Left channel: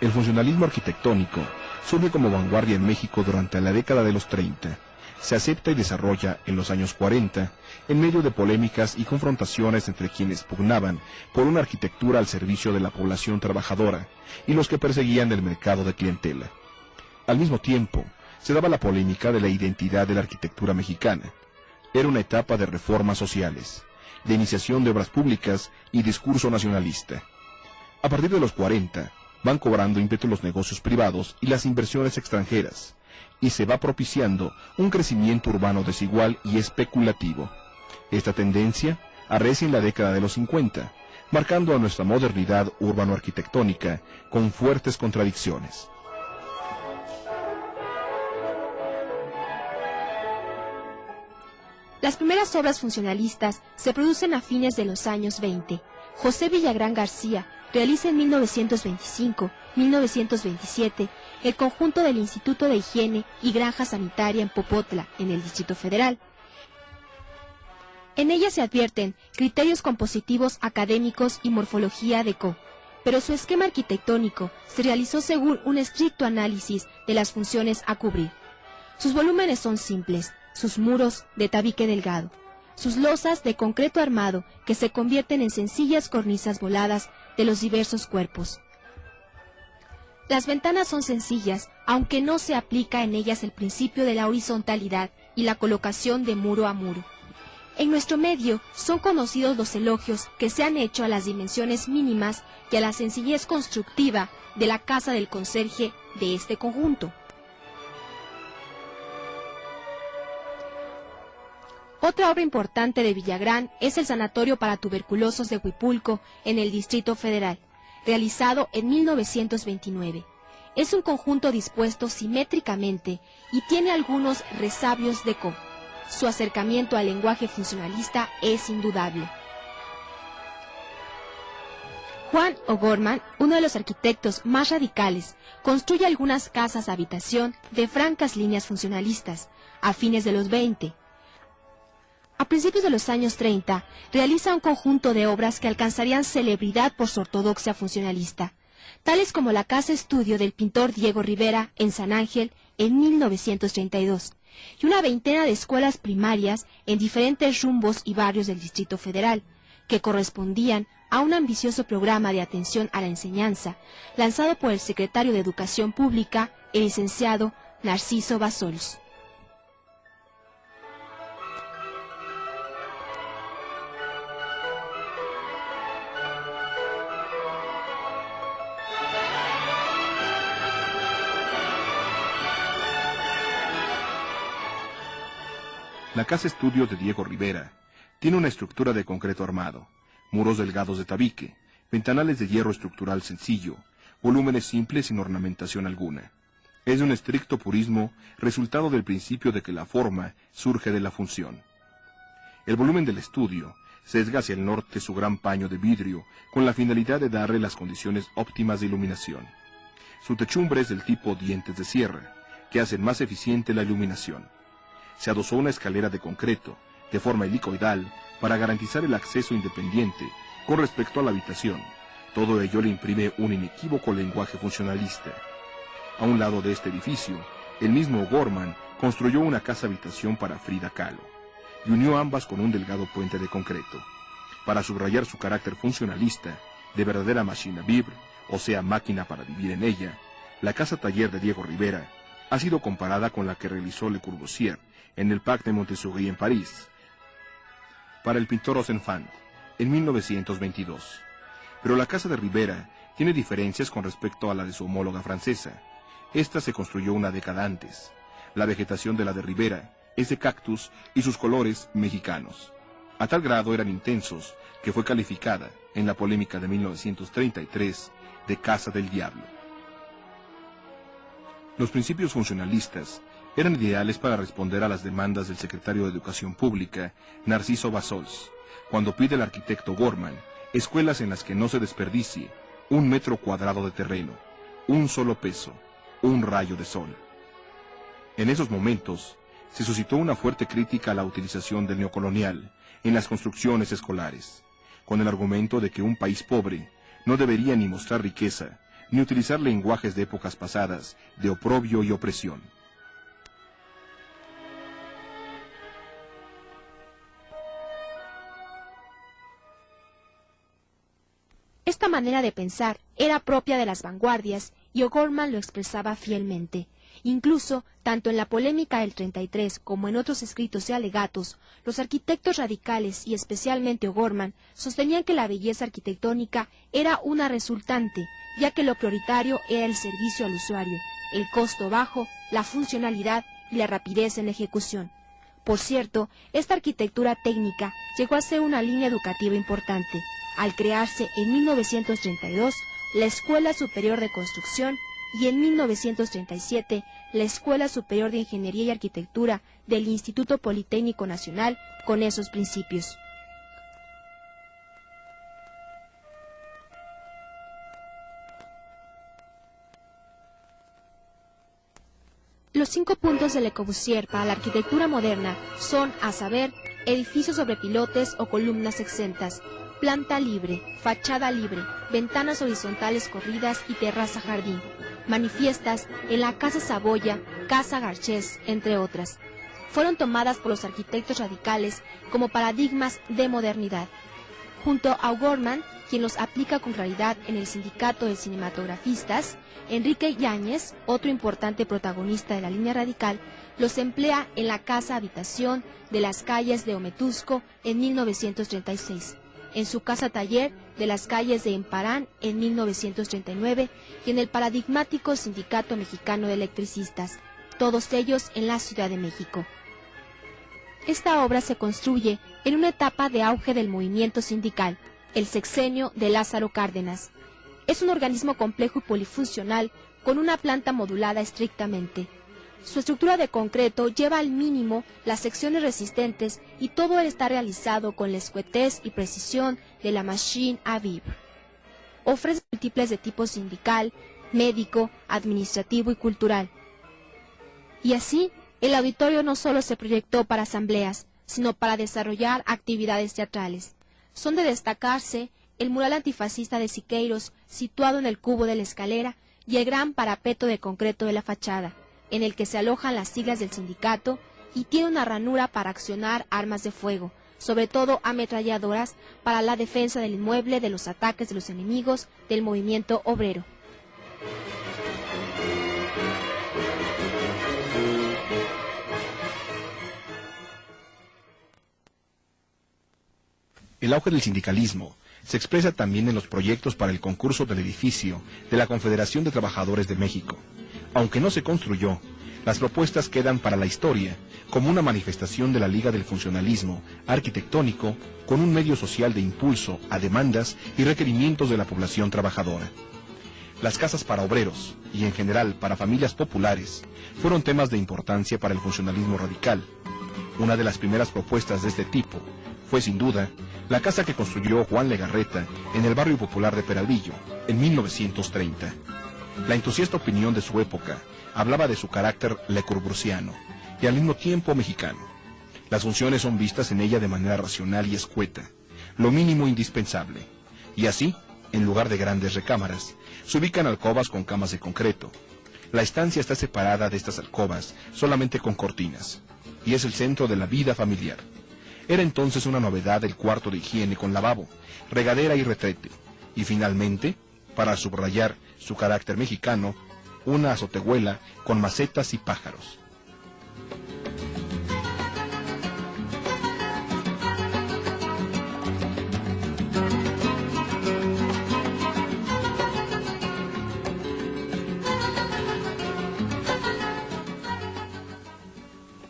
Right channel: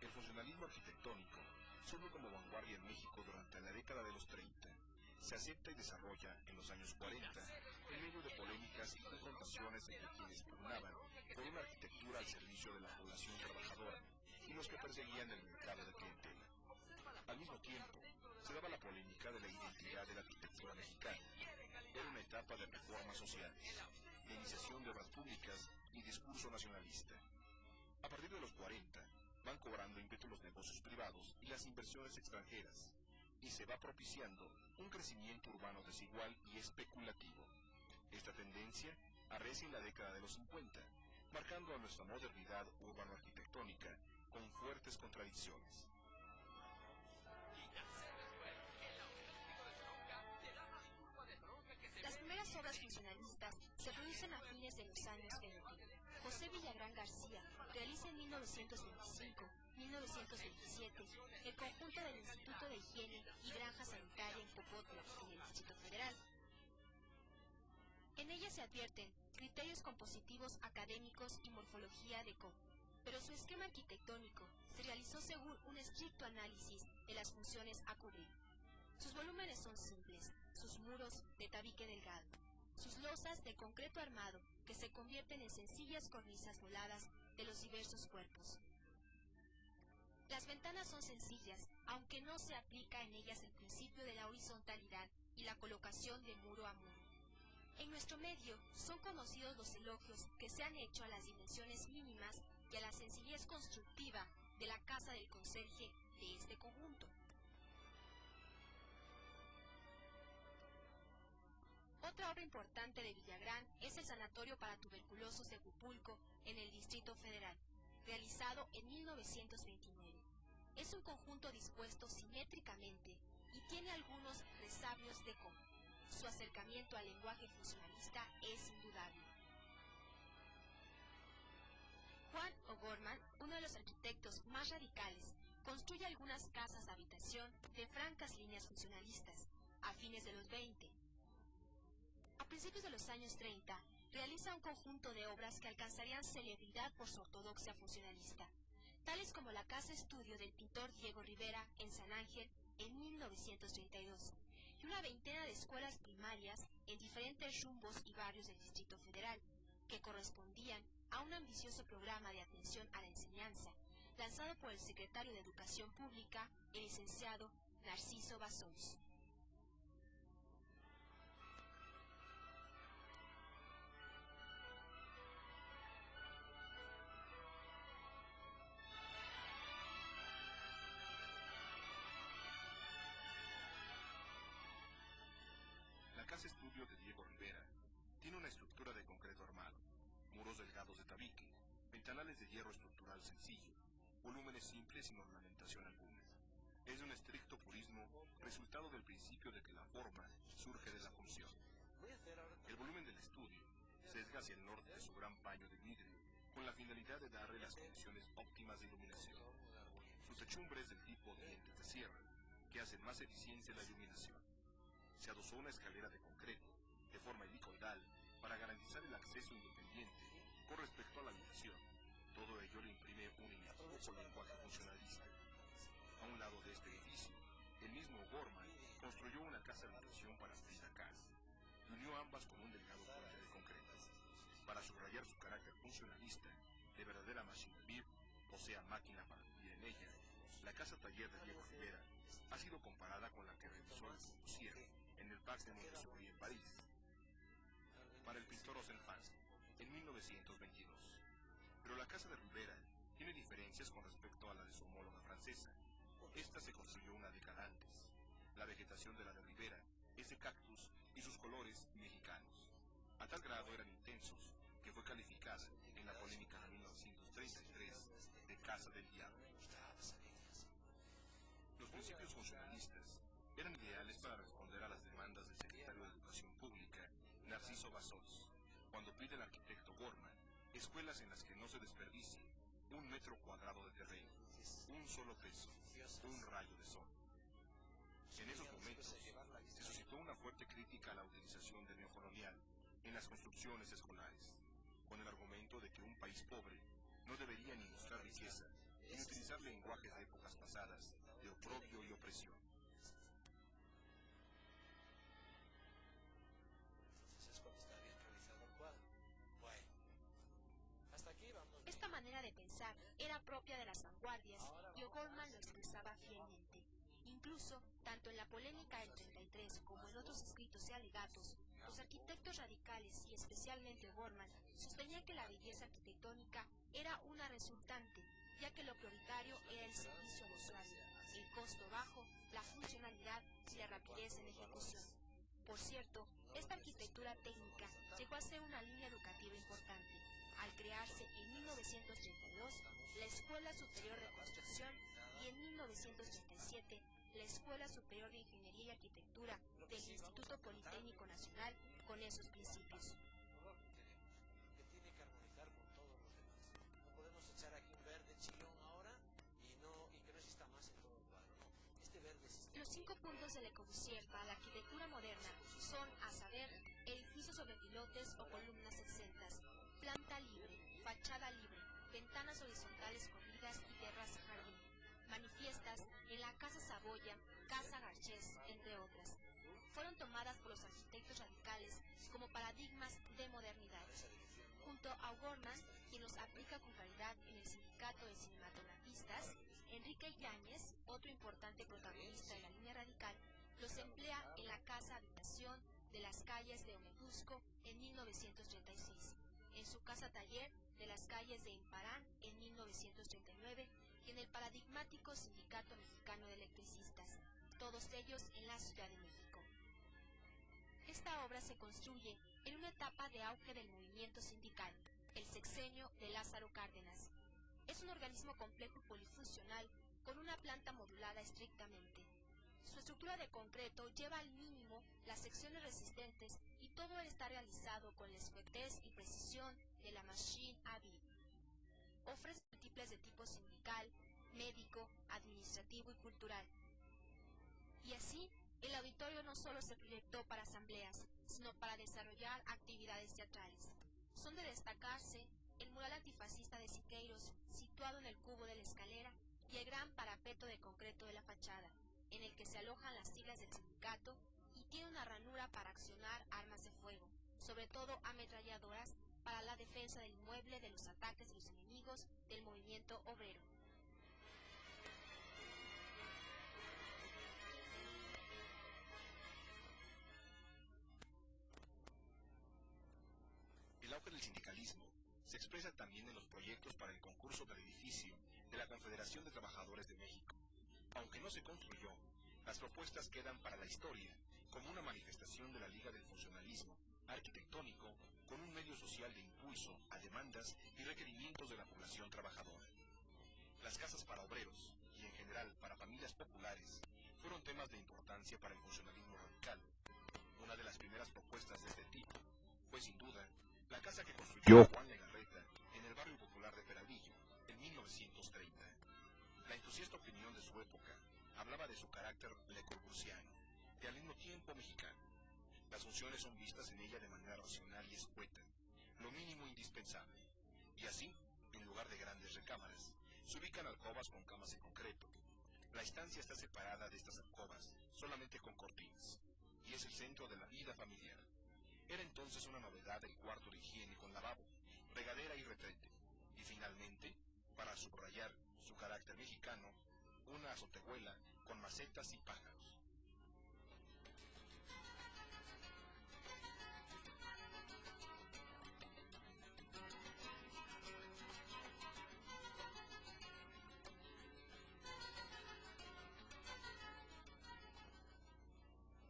El funcionalismo arquitectónico surge como vanguardia en México durante la década de los 30. Se acepta y desarrolla en los años 40, en medio de polémicas y confrontaciones entre quienes pugnaban por una arquitectura al servicio de la población trabajadora y los que perseguían el mercado de clientela. Al mismo tiempo, se daba la polémica de la identidad de la arquitectura mexicana. Era una etapa de reformas sociales, de iniciación de obras públicas y discurso nacionalista. A partir de los 40, van cobrando ímpetu los negocios privados y las inversiones extranjeras, y se va propiciando un crecimiento urbano desigual y especulativo. Esta tendencia arrecia en la década de los 50, marcando a nuestra modernidad urbano-arquitectónica con fuertes contradicciones. Las primeras obras funcionalistas se producen a fines de los años 20. José Villagrán García realiza en 1925-1927 el conjunto del Instituto de Higiene y Granja Sanitaria en Popotla, en el Distrito Federal. En ella se advierten criterios compositivos académicos y morfología deco, pero su esquema arquitectónico se realizó según un estricto análisis de las funciones a cubrir. Sus volúmenes son simples, sus muros de tabique delgado, sus losas de concreto armado que se convierten en sencillas cornisas voladas de los diversos cuerpos. Las ventanas son sencillas, aunque no se aplica en ellas el principio de la horizontalidad y la colocación de muro a muro. En nuestro medio son conocidos los elogios que se han hecho a las dimensiones mínimas y a la sencillez constructiva de la casa del conserje de este conjunto. Otra obra importante de Villagrán es el Sanatorio para Tuberculosos de Huipulco, en el Distrito Federal, realizado en 1929. Es un conjunto dispuesto simétricamente y tiene algunos resabios deco. Su acercamiento al lenguaje funcionalista es indudable. Juan O'Gorman, uno de los arquitectos más radicales, construye algunas casas de habitación de francas líneas funcionalistas a fines de los 20. A principios de los años 30, realiza un conjunto de obras que alcanzarían celebridad por su ortodoxia funcionalista, tales como la casa estudio del pintor Diego Rivera en San Ángel en 1932, y una veintena de escuelas primarias en diferentes rumbos y barrios del Distrito Federal, que correspondían a un ambicioso programa de atención a la enseñanza, lanzado por el secretario de Educación Pública, el licenciado Narciso Bassols. La casa estudio de Diego Rivera tiene una estructura de concreto armado, muros delgados de tabique, ventanales de hierro estructural sencillo, volúmenes simples sin ornamentación alguna. Es de un estricto purismo resultado del principio de que la forma surge de la función. El volumen del estudio sesga hacia el norte su gran paño de vidrio con la finalidad de darle las condiciones óptimas de iluminación. Su techumbre es del tipo dientes de sierra, que hacen más eficiente la iluminación. Se adosó una escalera de concreto, de forma helicoidal, para garantizar el acceso independiente con respecto a la habitación. Todo ello le imprime un inequívoco lenguaje funcionalista. A un lado de este edificio, el mismo O'Gorman construyó una casa-habitación para Frida Kahlo, y unió ambas con un delgado puente de concreto. Para subrayar su carácter funcionalista, de verdadera machine à vivre, o sea, máquina para vivir en ella, la casa-taller de Diego Rivera ha sido comparada con la que realizó Le Corbusier en el Parc de Montsouris en París, para el pintor Rosenfant, en 1922. Pero la casa de Rivera tiene diferencias con respecto a la de su homóloga francesa. Esta se construyó una década antes. La vegetación de la de Rivera es de cactus y sus colores mexicanos. A tal grado eran intensos que fue calificada, en la polémica de 1933, de Casa del Diablo. Los principios funcionalistas eran ideales para responder a las demandas del secretario de Educación Pública, Narciso Bassols, cuando pide al arquitecto O'Gorman escuelas en las que no se desperdicie 1 metro cuadrado de terreno, un solo peso, un rayo de sol. En esos momentos se suscitó una fuerte crítica a la utilización del neocolonial en las construcciones escolares, con el argumento de que un país pobre no debería ni mostrar riqueza, ni utilizar lenguajes de épocas pasadas, de oprobio y opresión. Esta manera de pensar era propia de las vanguardias y O'Gorman lo expresaba fielmente. Incluso, tanto en la polémica del 33 como en otros escritos y alegatos, los arquitectos radicales y especialmente O'Gorman sostenían que la belleza arquitectónica era una resultante, ya que lo prioritario era el servicio al usuario, el costo bajo, la funcionalidad y la rapidez en la ejecución. Por cierto, esta arquitectura técnica llegó a ser una línea educativa importante, al crearse en 1932 la Escuela Superior de Construcción y en 1937 la Escuela Superior de Ingeniería y Arquitectura del Instituto Politécnico Nacional con esos principios. Los 5 puntos de Le Corbusier para la arquitectura moderna son, a saber, edificios sobre pilotes o columnas exentas, planta libre, fachada libre, ventanas horizontales corridas y terraza jardín, manifiestas en la Casa Saboya, Casa Garcés, entre otras. Fueron tomadas por los arquitectos radicales como paradigmas de modernidad. Junto a O'Gorman, quien los aplica con claridad en el Sindicato de Cinematografistas, Enrique Yáñez, otro importante protagonista de la línea radical, los emplea en la Casa Habitación de las calles de Ometusco en 1936. En su casa taller de las calles de Emparán en 1939 y en el paradigmático Sindicato Mexicano de Electricistas, todos ellos en la Ciudad de México. Esta obra se construye en una etapa de auge del movimiento sindical, el sexenio de Lázaro Cárdenas. Es un organismo complejo y polifuncional con una planta modulada estrictamente. Su estructura de concreto lleva al mínimo las secciones resistentes y todo está realizado con la escuetez y precisión de la machine à vivre. Ofrece múltiples de tipo sindical, médico, administrativo y cultural. Y así, el auditorio no solo se proyectó para asambleas, sino para desarrollar actividades teatrales. Son de destacarse el mural antifascista de Siqueiros, situado en el cubo de la escalera, y el gran parapeto de concreto de la fachada, en el que se alojan las siglas del sindicato y tiene una ranura para accionar armas de fuego, sobre todo ametralladoras para la defensa del inmueble de los ataques de los enemigos del movimiento obrero. El auge del sindicalismo se expresa también en los proyectos para el concurso del edificio de la Confederación de Trabajadores de México. Aunque no se construyó, las propuestas quedan para la historia como una manifestación de la Liga del Funcionalismo arquitectónico con un medio social de impulso a demandas y requerimientos de la población trabajadora. Las casas para obreros y en general para familias populares fueron temas de importancia para el funcionalismo radical. Una de las primeras propuestas de este tipo fue sin duda la casa que construyó Juan Legarreta en el barrio popular de Peralvillo en 1930. La entusiasta opinión de su época hablaba de su carácter lecurbusiano y al mismo tiempo mexicano. Las funciones son vistas en ella de manera racional y escueta, lo mínimo indispensable. Y así, en lugar de grandes recámaras, se ubican alcobas con camas de concreto. La estancia está separada de estas alcobas solamente con cortinas, y es el centro de la vida familiar. Era entonces una novedad el cuarto de higiene con lavabo, regadera y retrete, y finalmente, para subrayar su carácter mexicano, una azotehuela con macetas y pájaros.